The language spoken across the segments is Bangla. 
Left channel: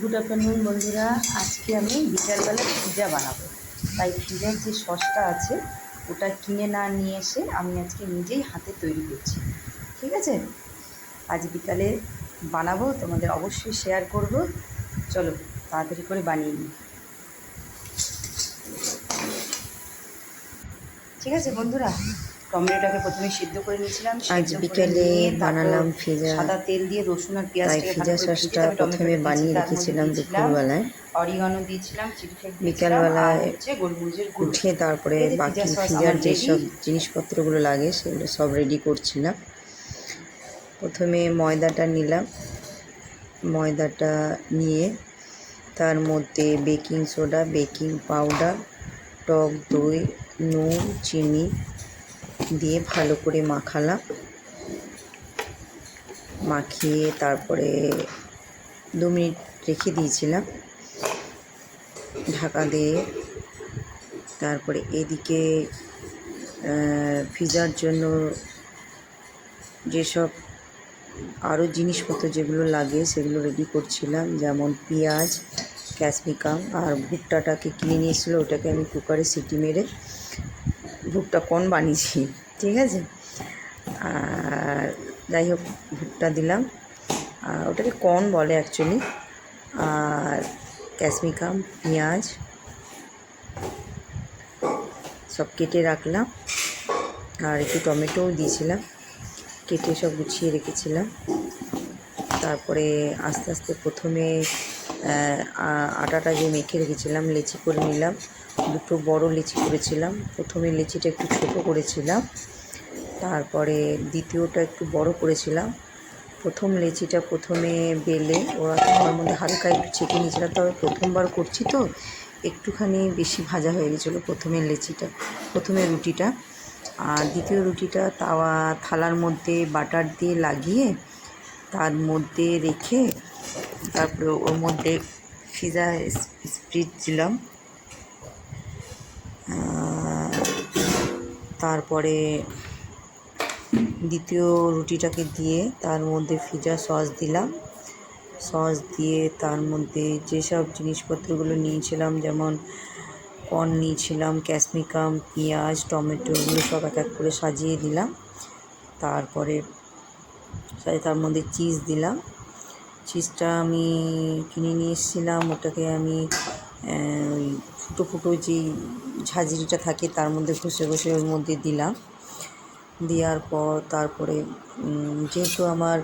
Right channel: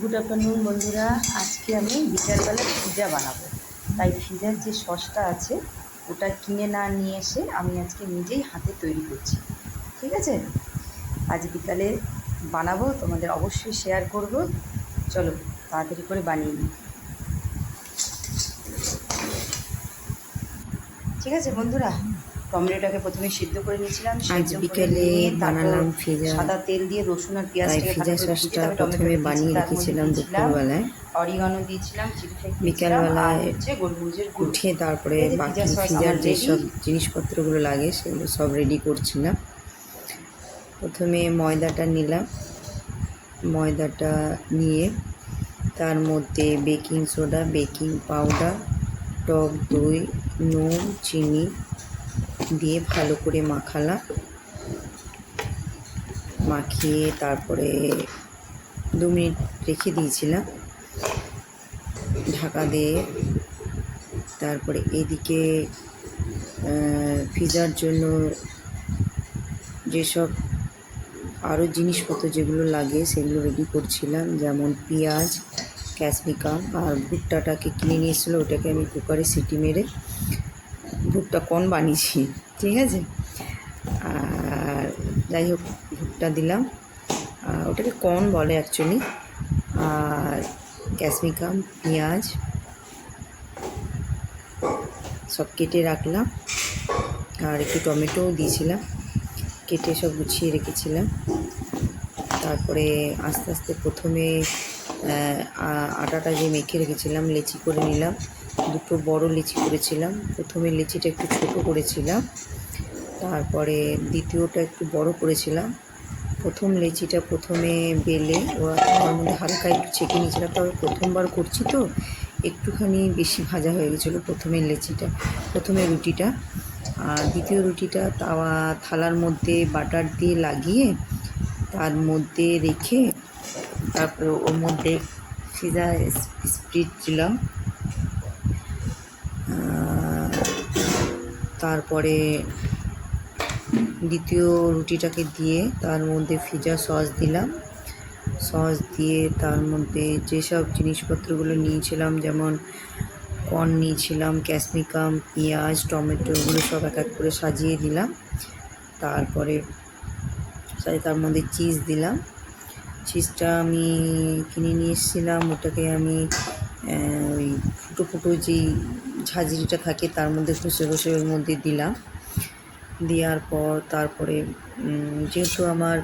গুড আফটারনুন বন্ধুরা। আজকে আমি বিকালবেলা পিৎজা বানাবো, তাই পিৎজার যে সসটা আছে ওটা কিনে না নিয়ে এসে আমি আজকে নিজেই হাতে তৈরি করছি। ঠিক আছে, আজ বিকালে বানাবো, তোমাদের অবশ্যই শেয়ার করব। চলো তাড়াতাড়ি করে বানিয়ে নিই। ঠিক আছে বন্ধুরা, টমেটোটাকে প্রথমে সিদ্ধ করে নিয়েছিলাম, সিদ্ধ করে নিয়ে তারপর সাদা তেল দিয়ে রসুন আর পেঁয়াজটাকে ভালো করে ভেজে তবে টমেটোটা দিয়েছি। তার মধ্যে দিয়েছিলাম অরিগানো, দিয়েছিলাম চিলি ফ্লেক্স, দিয়েছিলাম আর হচ্ছে গোলমরিচের গুঁড়ো। তারপরে পিৎজা সস আমার রেডি। জিনিসপত্রগুলো লাগে সেগুলো সব রেডি করছিলাম। প্রথমে ময়দাটা নিলাম, ময়দাটা নিয়ে তার মধ্যে বেকিং সোডা, বেকিং পাউডার, টক দই, নুন, চিনি দিয়ে ভালো করে মাখালাম। মাখিয়ে তারপরে 2 মিনিট রেখে দিয়েছিলাম ঢাকা দিয়ে। তারপরে এদিকে পিৎজার জন্য যেসব আরও জিনিসপত্র যেগুলো লাগে সেগুলো রেডি করছিলাম, যেমন পেঁয়াজ, ক্যাপসিকাম আর ভুট্টাটাকে কিনে নিয়েছিলো, ওটাকে আমি কুকারে সিটি মেরে ভুট্টা কর্ন বানিয়েছি। ঠিক আছে, আর যাই হোক ভুট্টা দিলাম, ওটাকে কর্ন বলে অ্যাকচুয়ালি। আর ক্যাপসিকাম, পেঁয়াজ সব কেটে রাখলাম, আর একটু টমেটোও দিয়েছিলাম, কেটে সব গুছিয়ে রেখেছিলাম। তারপরে আস্তে আস্তে প্রথমে আটাটা যে মেখে রেখেছিলাম লেচি করে নিলাম। 2টো বড় লেচি করেছিলাম। প্রথমে লেচিটা একটু ছোটো করেছিলাম, তারপরে দ্বিতীয়টা একটু বড় করেছিলাম। প্রথম লেচিটা প্রথমে বেলে ওরা তার মধ্যে হালকা একটু ছেঁকে নিয়েছিলাম, তবে প্রথমবার করছি তো একটুখানি বেশি ভাজা হয়ে গেছিলো প্রথমে রুটিটা। আর দ্বিতীয় রুটিটা থালার মধ্যে বাটার দিয়ে লাগিয়ে তার মধ্যে রেখে তারপরে ওর মধ্যে পিৎজা স্প্রেড দিলাম। তারপরে দ্বিতীয় রুটিটাকে দিয়ে তার মধ্যে পিৎজা সস দিলাম। সস দিয়ে তার মধ্যে যেসব জিনিসপত্রগুলো নিয়েছিলাম, যেমন কর্ন নিয়েছিলাম, ক্যাপসিকাম, পেঁয়াজ, টমেটো, এগুলো সব এক এক করে সাজিয়ে দিলাম। তারপরে তার মধ্যে চিজ দিলাম। চিজটা আমি কিনে নিয়ে এসেছিলাম, ওটাকে আমি ওই ফুটো ফুটো যেই ঝাঁঝরিটা থাকে তার মধ্যে ঘষে ঘষে ওর মধ্যে দিলাম। দেওয়ার পর তারপরে যেহেতু আমার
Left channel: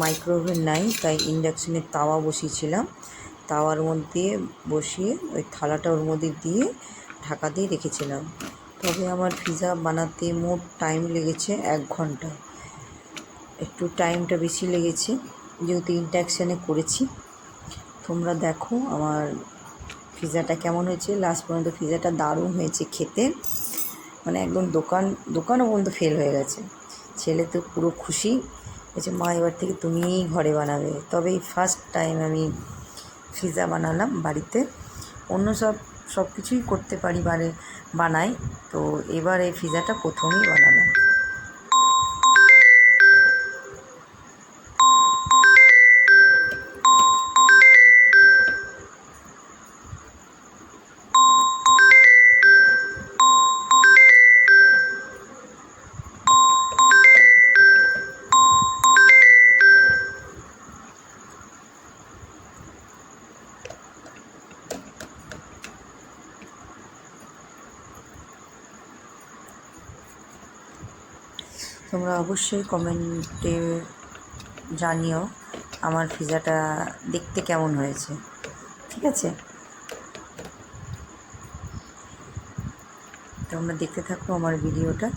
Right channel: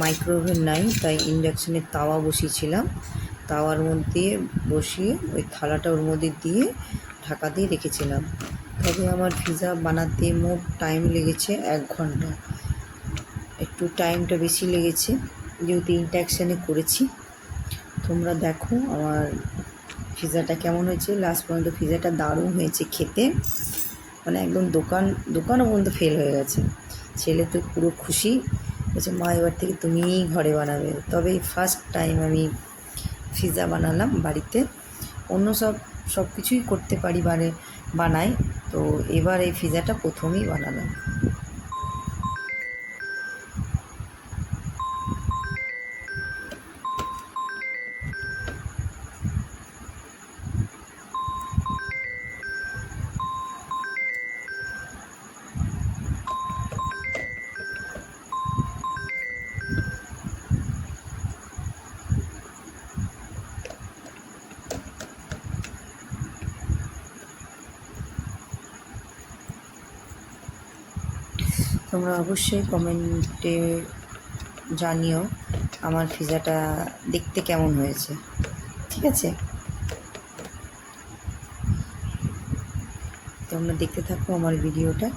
মাইক্রোওভেন নাই তাই ইন্ডাকশানের তাওয়া বসিয়েছিলাম। তাওয়ার মধ্যে বসিয়ে ওই থালাটা ওর মধ্যে দিয়ে ঢাকা দিয়ে রেখেছিলাম। তবে আমার পিৎজা বানাতে মোট টাইম লেগেছে 1 ঘন্টা। একটু টাইমটা বেশি লেগেছে যেহেতু ইন্ডাকশানে করেছি। তোমরা দেখো আমার পিৎজাটা কেমন হয়েছে। লাস্ট পর্যন্ত পিৎজাটা দারুণ হয়েছে খেতে, মানে একদম দোকানও পর্যন্ত ফেল হয়ে গেছে। ছেলে তো পুরো খুশি বলছে, মা এবার থেকে তুমিই ঘরে বানাবে। তবে এই ফার্স্ট টাইম আমি পিৎজা বানালাম বাড়িতে। অন্য সব কিছুই করতে পারি বানাই, তো এবার এই পিৎজাটা প্রথমেই বানালাম। তোমরা অবশ্যই কমেন্টে জানিও আমার পিৎজাটা দেখতে কেমন হয়েছে। ঠিক আছে, তোমরা দেখতে থাকো আমার ভিডিওটা।